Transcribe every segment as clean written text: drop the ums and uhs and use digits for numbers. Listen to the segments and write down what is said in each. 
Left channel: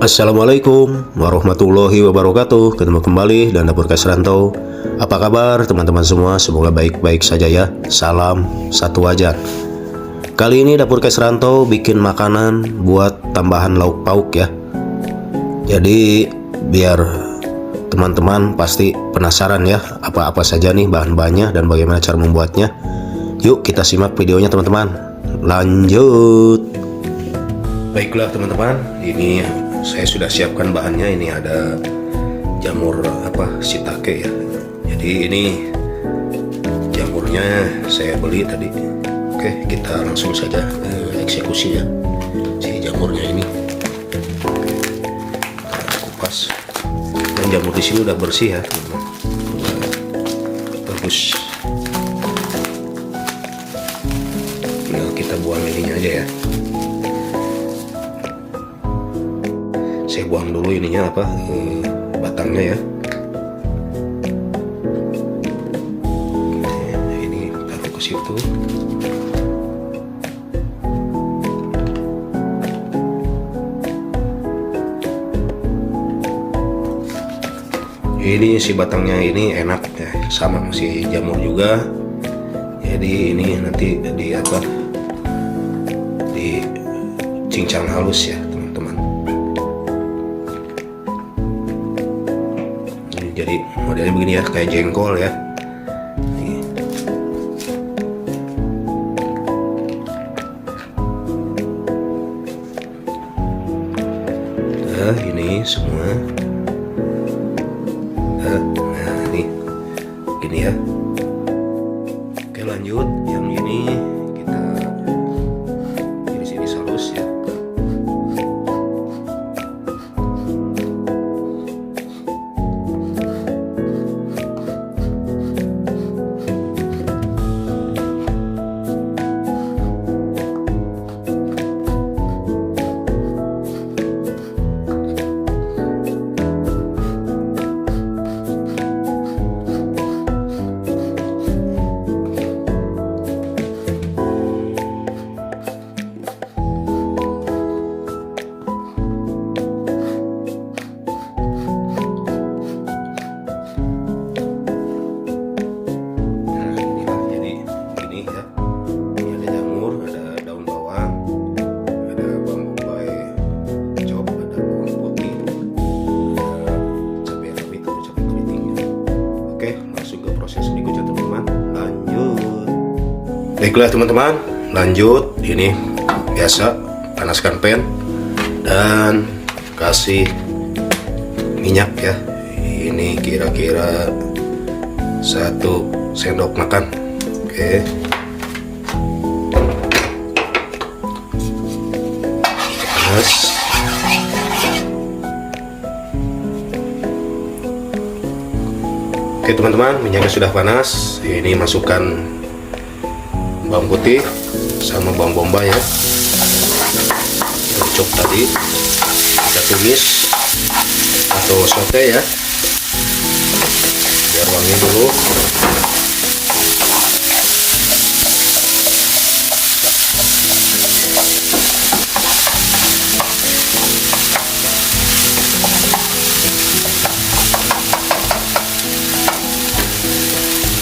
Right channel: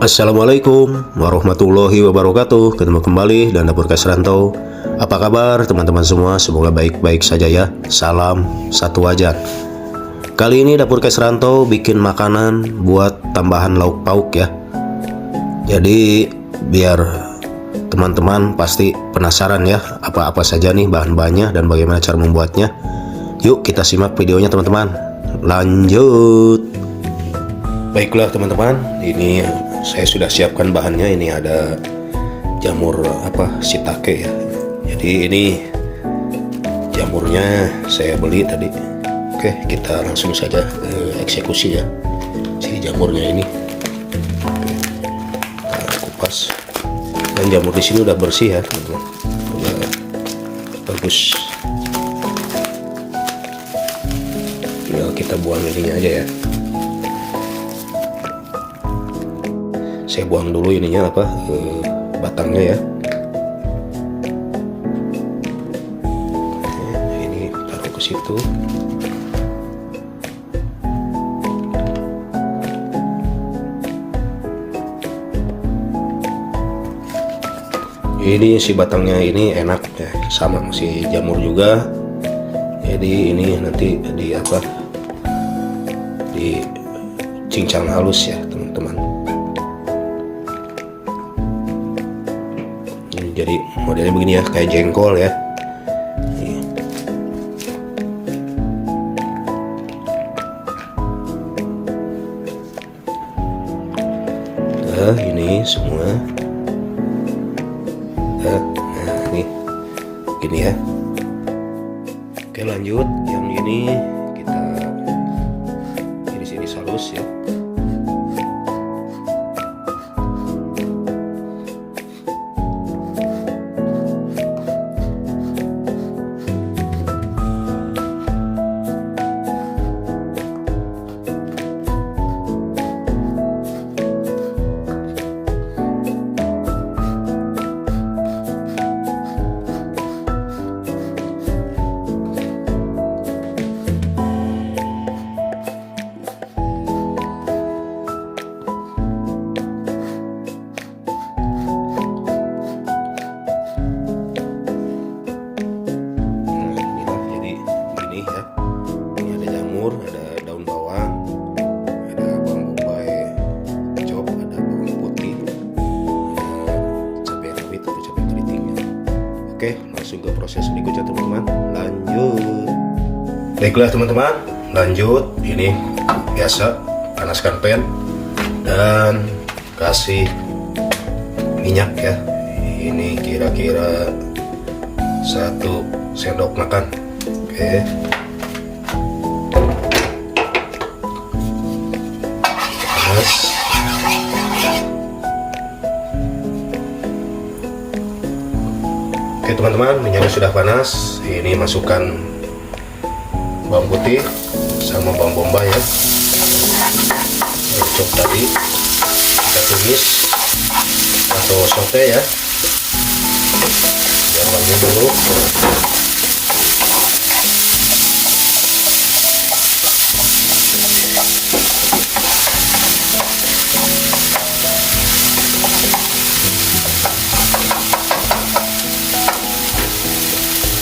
Assalamualaikum warahmatullahi wabarakatuh. Ketemu kembali dan Dapur Kas Rantau. Apa kabar teman-teman semua? Semoga baik-baik saja ya. Salam satu wajar. Kali ini Dapur Kas Rantau bikin makanan buat tambahan lauk pauk ya. Jadi biar teman-teman pasti penasaran ya, apa-apa saja nih bahan-bahannya dan bagaimana cara membuatnya. Yuk kita simak videonya teman-teman. Lanjut. Baiklah teman-teman, ini saya sudah siapkan bahannya. Ini ada jamur shiitake ya. Jadi ini jamurnya saya beli tadi. Oke, kita langsung saja eksekusi ya. Si jamurnya ini kita kupas. Dan jamur di sini udah bersih ya, teman-teman. Udah bagus. Tinggal kita buang ininya aja ya. Saya buang dulu ininya batangnya ya. Ini taruh ke situ. Ini si batangnya ini enak ya, sama si jamur juga. Jadi ini nanti dicincang halus ya teman-teman. Jadi modelnya begini ya, kayak jengkol ya. Nah, ini semua. Nah, ini gini ya. Oke, lanjut. Yang ini kita di sini halus ya. Oke, langsung ke proses berikutnya teman-teman. Lanjut. Baiklah teman-teman, lanjut. Ini biasa, panaskan pan dan kasih minyak ya. Ini kira-kira 1 sendok makan. Oke. Panas. Oke teman-teman, minyaknya sudah panas. Ini masukkan bawang putih sama bawang bombay ya. Cocok tadi kita tumis atau saute ya, biar wangi dulu.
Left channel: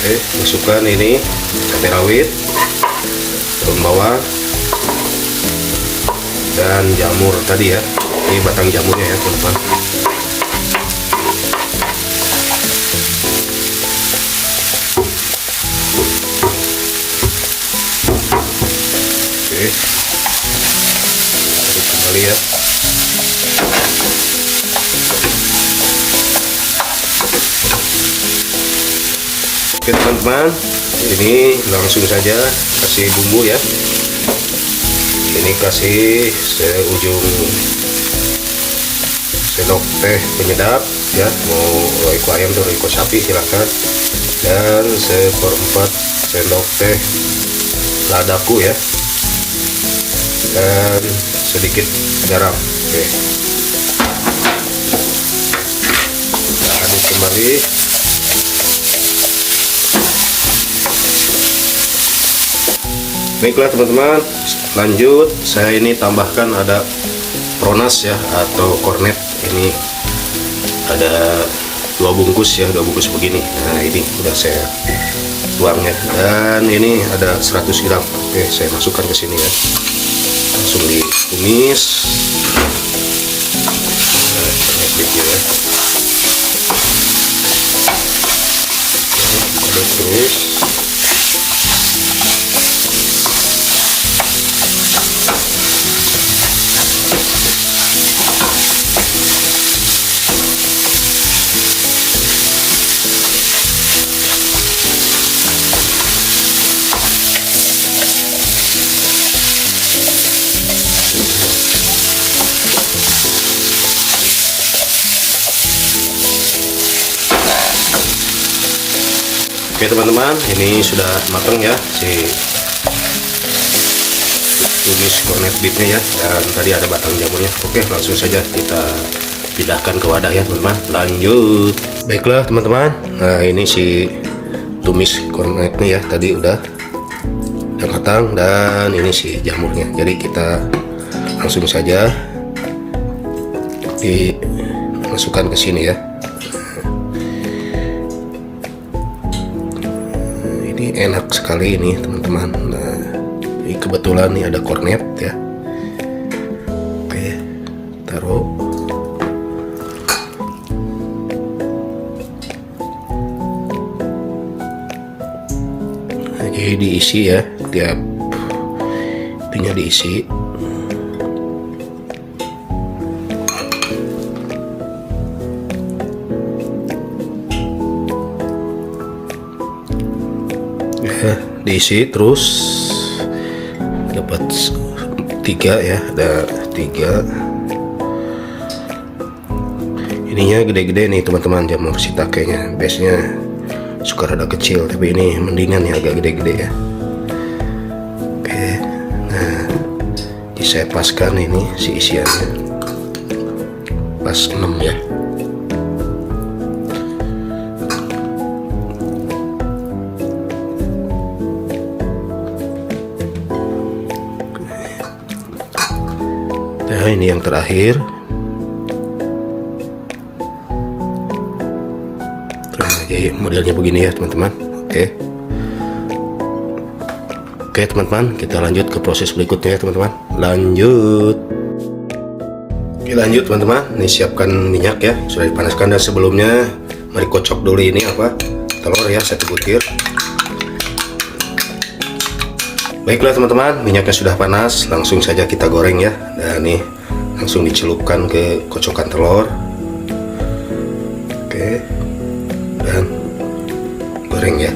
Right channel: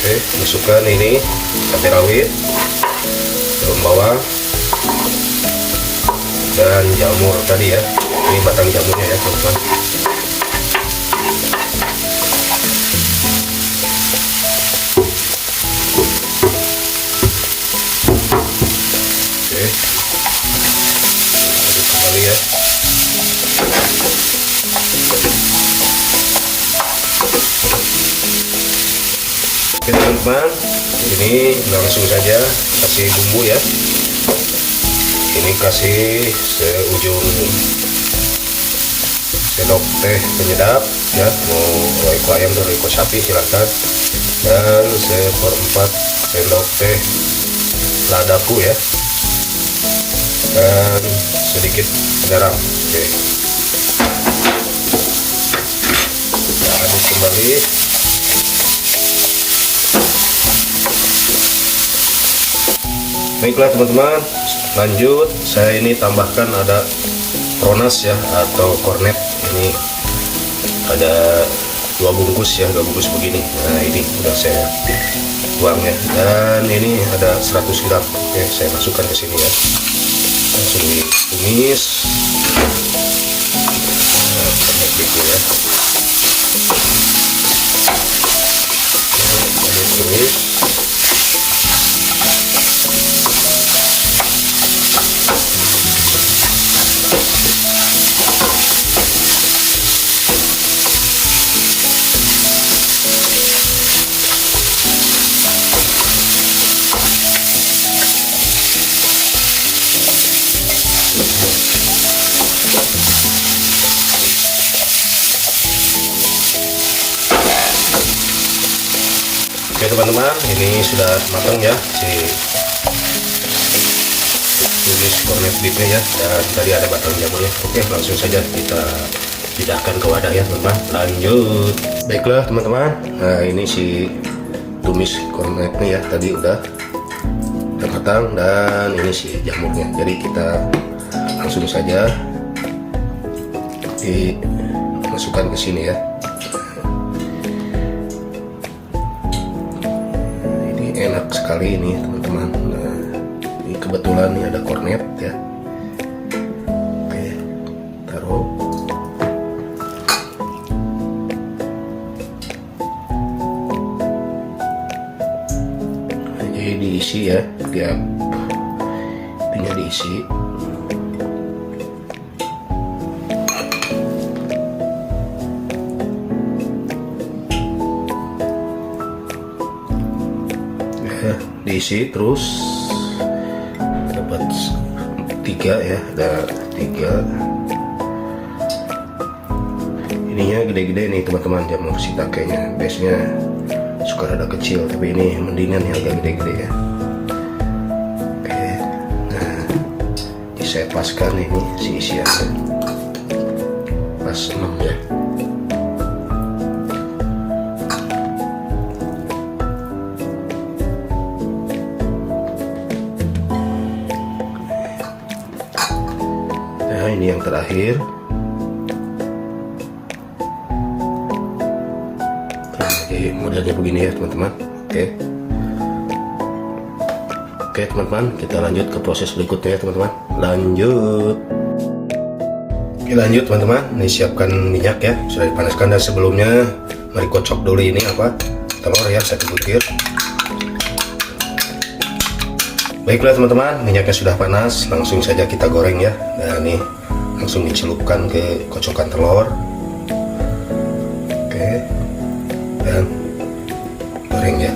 Oke, masukkan ini cabai rawit, daun bawang, dan jamur tadi ya. Ini batang jamurnya ya teman-teman. Oke, aduk kembali ya. Oke teman-teman, ini langsung saja kasih bumbu ya. Ini kasih seujung sendok teh penyedap ya, mau roiko ayam atau roiko sapi silahkan, dan 1/4 sendok teh ladaku ya, dan sedikit garam. Oke, kita aduk kembali. Baiklah teman-teman, lanjut saya ini tambahkan ada pronas ya, atau kornet. Ini ada 2 bungkus ya, 2 bungkus begini. Nah ini udah saya tuang ya, dan ini ada 100 gram. Oke, saya masukkan ke sini ya, langsung ditumis. Banyak biji ya, terus oke teman-teman, ini sudah matang ya si tumis kornet beefnya ya, dan tadi ada batang jamurnya. Oke, langsung saja kita pindahkan ke wadah ya teman-teman. Lanjut. Baiklah teman-teman, nah ini si tumis kornetnya ya, tadi udah matang, dan ini si jamurnya. Jadi kita langsung saja dimasukkan ke sini ya. Enak sekali ini teman-teman. Nah, ini kebetulan nih ada kornet ya. Oke, taruh. Nah, jadi diisi ya, tiap itunya diisi. Diisi terus dapat 3 ya, ada 3. Ininya gede-gede nih teman-teman, jamur shiitakenya. Biasanya suka rada kecil, tapi ini mendingan ya, agak gede-gede ya. Oke, nah ini saya paskan ini si isiannya, pas 6 ya. Nah ini yang terakhir. Nah, jadi modelnya begini ya teman-teman. Oke teman-teman, kita lanjut ke proses berikutnya ya teman-teman. Lanjut. Oke, lanjut teman-teman. Ini siapkan minyak ya, sudah dipanaskan, dan sebelumnya mari kocok dulu ini apa, telur ya, 1 butir. Baiklah teman-teman, minyaknya sudah panas, langsung saja kita goreng ya. Nah ini langsung dicelupkan ke kocokan telur. Oke, dan goreng ya.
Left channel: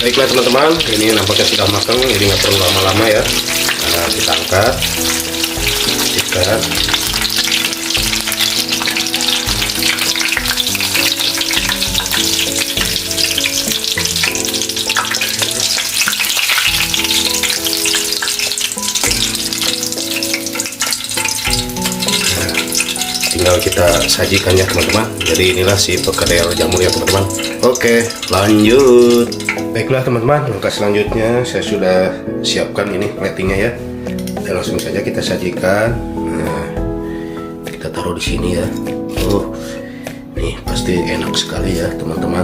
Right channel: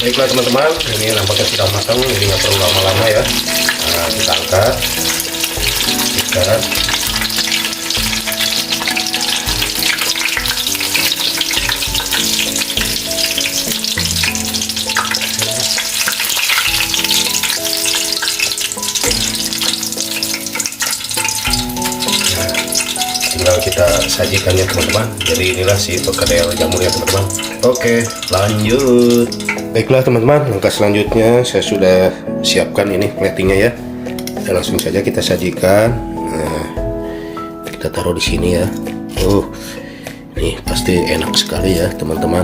Baiklah teman-teman, ini nampaknya sudah matang, ini nggak perlu lama-lama ya. Nah, kita angkat, ikat. Tinggal kita sajikan ya teman-teman. Jadi inilah si perkedel jamurnya teman-teman. Oke, lanjut. Baiklah teman-teman, langkah selanjutnya saya sudah siapkan ini platingnya ya. Dan langsung saja kita sajikan. Nah, kita taruh di sini ya. Nih pasti enak sekali ya teman-teman.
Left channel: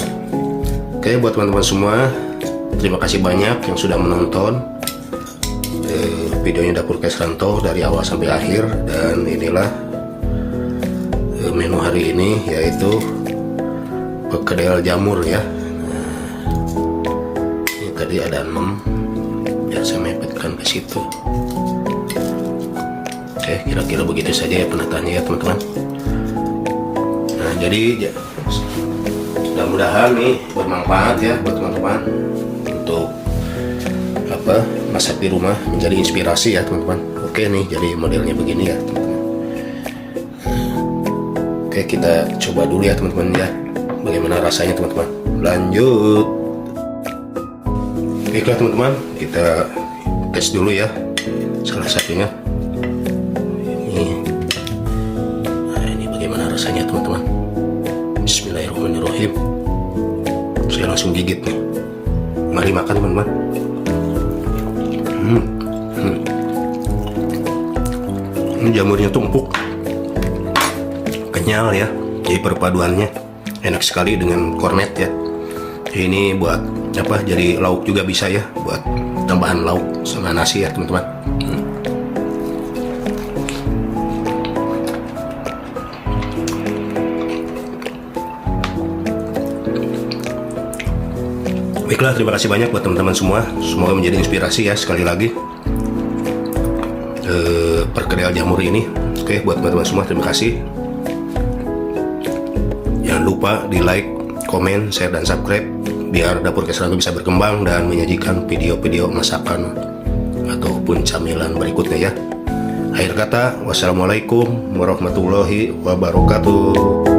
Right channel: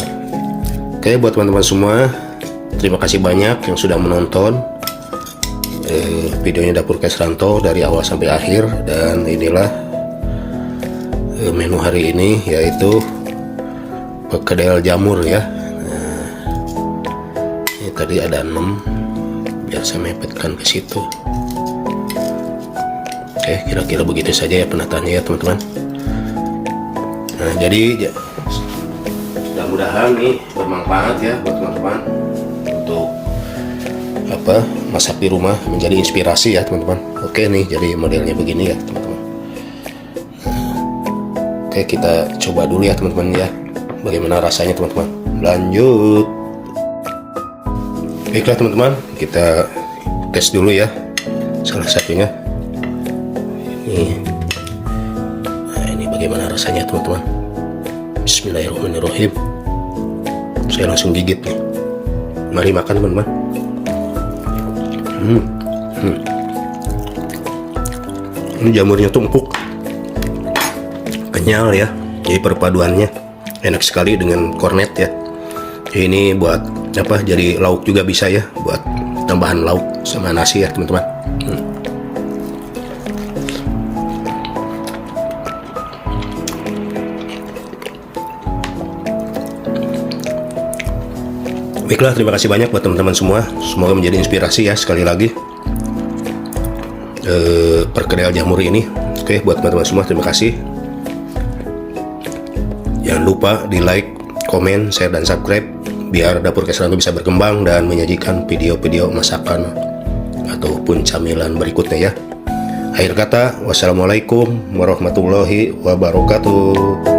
Oke, buat teman-teman semua, terima kasih banyak yang sudah menonton videonya Dapur Kesranto dari awal sampai akhir. Dan inilah menu hari ini, yaitu perkedel jamur ya. Tadi ada 6, biar saya mepetkan ke situ. Oke, kira-kira begitu saja ya penataannya ya teman-teman. Nah, jadi mudah-mudahan nih bermanfaat ya buat teman-teman untuk masak di rumah, menjadi inspirasi ya teman-teman. Oke nih, jadi modelnya begini ya teman-teman. Oke, kita coba dulu ya teman-teman ya, bagaimana rasanya teman-teman. Lanjut. Baiklah teman-teman, kita tes dulu ya salah satunya. Ini bagaimana rasanya teman-teman. Bismillahirrahmanirrahim. Saya langsung gigit nih. Mari makan teman-teman. Jamurnya tuh empuk, kenyal ya. Jadi perpaduannya enak sekali dengan kornet ya. Ini buat jadi lauk juga bisa ya, buat tambahan lauk sama nasi ya teman-teman. Baiklah, terima kasih banyak buat teman-teman semua. Semoga menjadi inspirasi ya sekali lagi perkedel jamur ini. Oke, buat teman-teman semua terima kasih. Jangan lupa di like, komen, share, dan subscribe biar Dapur Kesranto bisa berkembang dan menyajikan video-video masakan ataupun camilan berikutnya ya. Akhir kata, wassalamualaikum warahmatullahi wabarakatuh.